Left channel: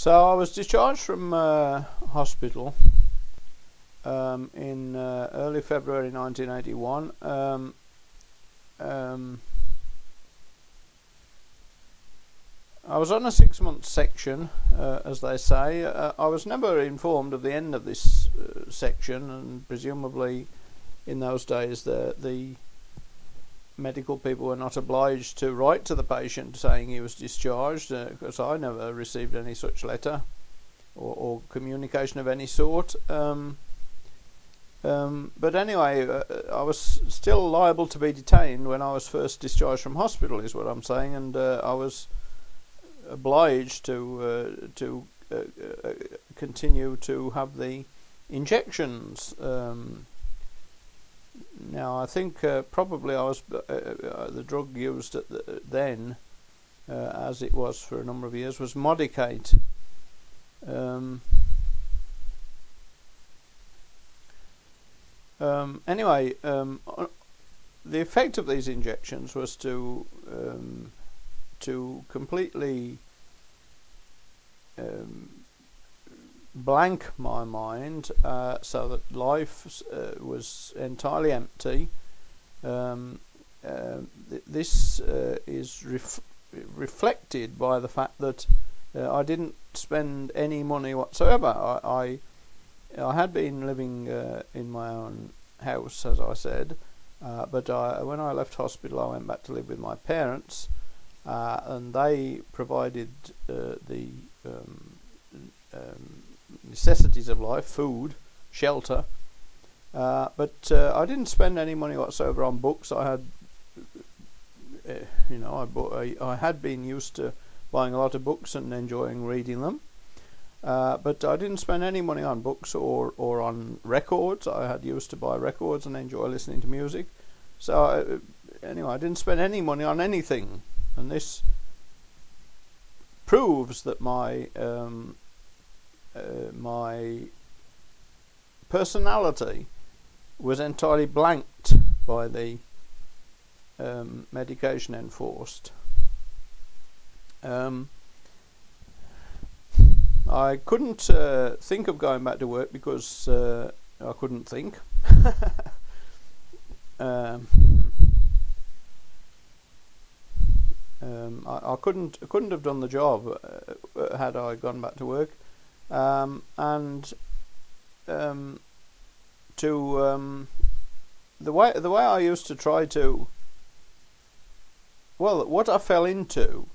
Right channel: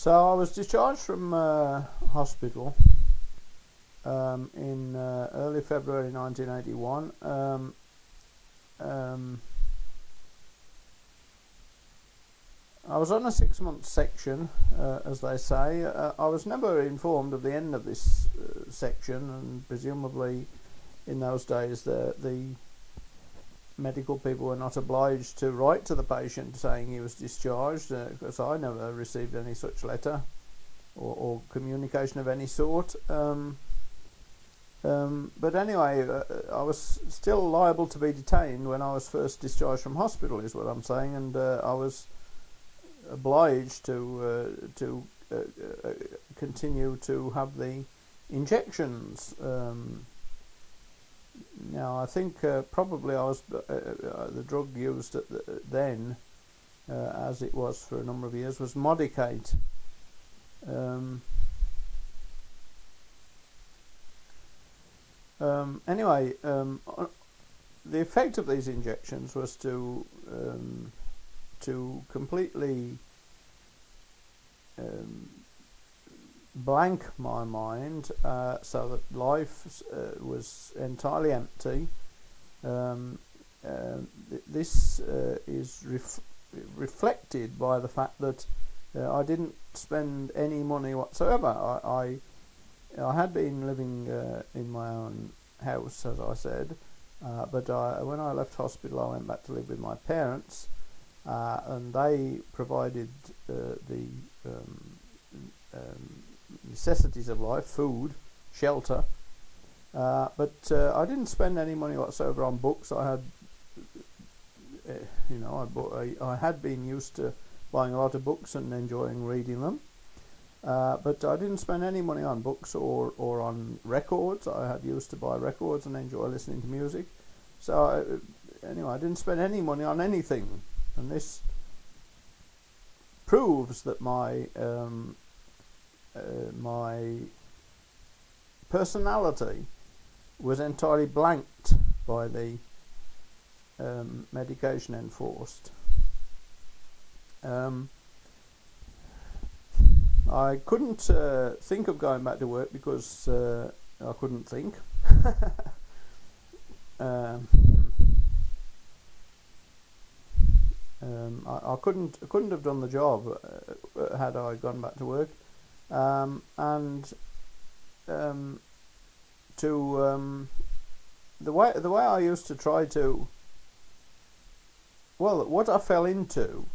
So I was discharged from hospital in early February 1981. I was on a 6-month section, as they say. I was never informed of the end of this section, and presumably in those days the medical people were not obliged to write to the patient saying he was discharged, because I never received any such letter or communication of any sort. But anyway, I was still liable to be detained when I was first discharged from hospital, is what I'm saying, and I was obliged to continue to have the injections. Now I think probably I was the drug used then, as it was for a number of years, was Modicate. Anyway, the effect of these injections was to completely blank my mind, so that life was entirely empty. This is reflected by the fact that I didn't spend any money whatsoever. I had been living in my own house, as I said, but when I left hospital I went back to live with my parents, and they provided the necessities of life: food, shelter, but I didn't spend any money whatsoever on books. I had, I had been used to buying a lot of books and enjoying reading them, but I didn't spend any money on books or on records. I had used to buy records and enjoy listening to music. So anyway, I didn't spend any money on anything, and this proves that my personality was entirely blanked by the medication enforced. I couldn't think of going back to work because I couldn't think. I couldn't have done the job had I gone back to work, and the way I used to try to, well, what I fell into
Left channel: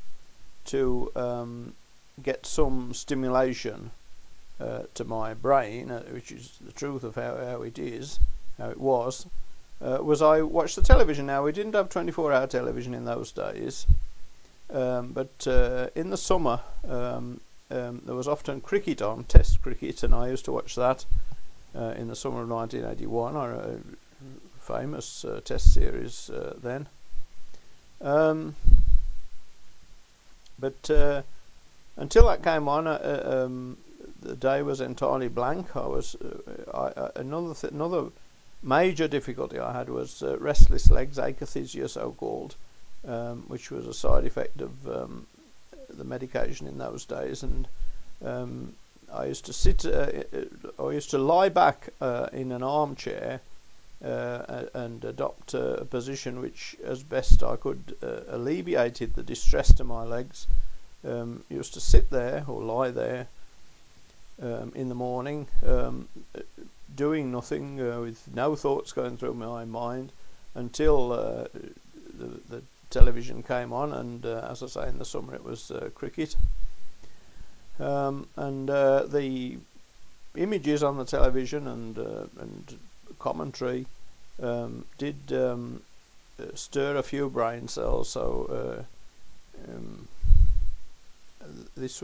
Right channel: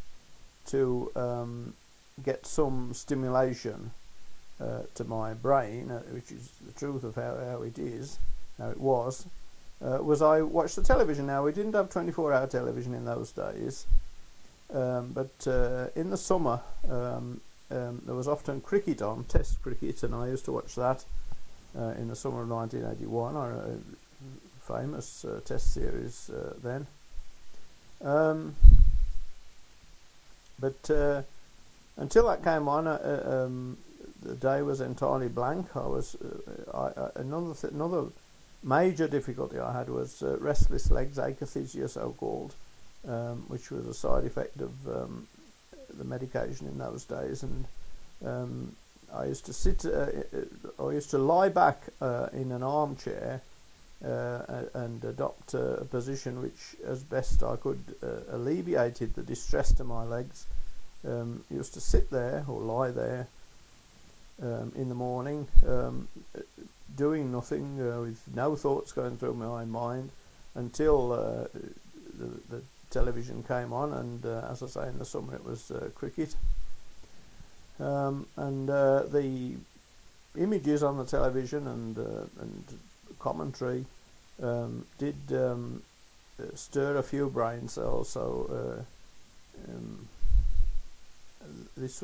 to get some stimulation to my brain, which is the truth of how it was, was I watched the television. Now, we didn't have 24-hour television in those days, but in the summer there was often cricket on, Test cricket, and I used to watch that in the summer of 1981, or a famous Test series then. But until that came on, the day was entirely blank. Another major difficulty I had was restless legs, akathisia so-called, which was a side effect of the medication in those days. And I used to lie back in an armchair and adopt a position which, as best I could, alleviated the distress to my legs. Used to sit there or lie there in the morning, doing nothing, with no thoughts going through my mind, until the television came on, and as I say, in the summer it was cricket, and the images on the television and commentary did stir a few brain cells. So this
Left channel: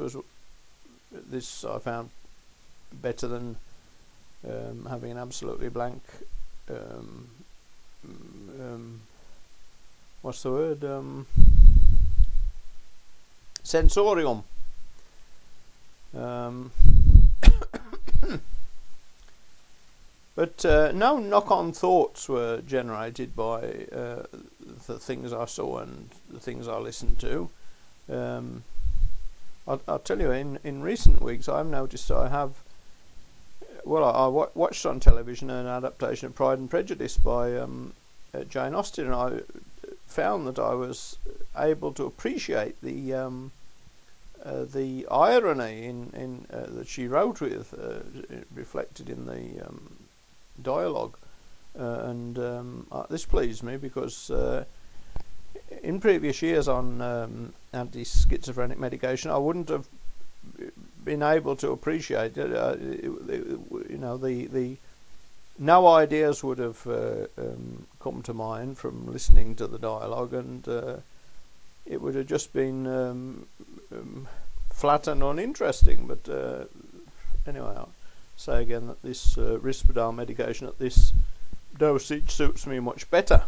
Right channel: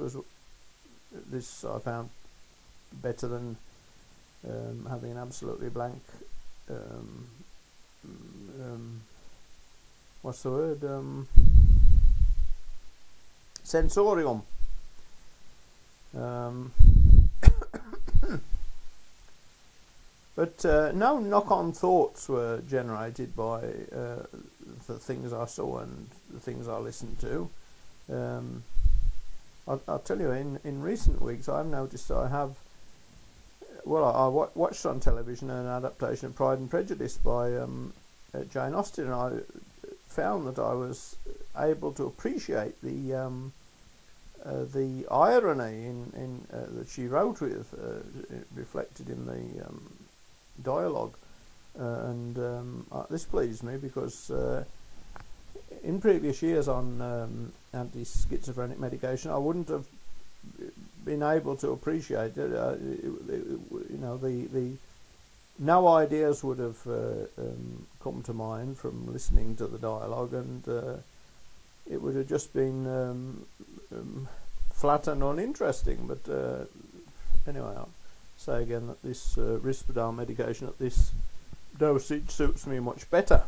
I found better than having an absolutely blank what's the word, sensorium. But no knock-on thoughts were generated by the things I saw and the things I listened to. I'll tell you, in recent weeks I've noticed I have, well, I watched on television an adaptation of Pride and Prejudice by Jane Austen, and I found that I was able to appreciate the irony in that she wrote with, reflected in the dialogue, and this pleased me because in previous years on anti-schizophrenic medication I wouldn't have been able to appreciate it. You know, the no ideas would have come to mind from listening to the dialogue, and it would have just been flat and uninteresting. But anyway, I'll say again that this Risperdal medication at this dosage suits me much better.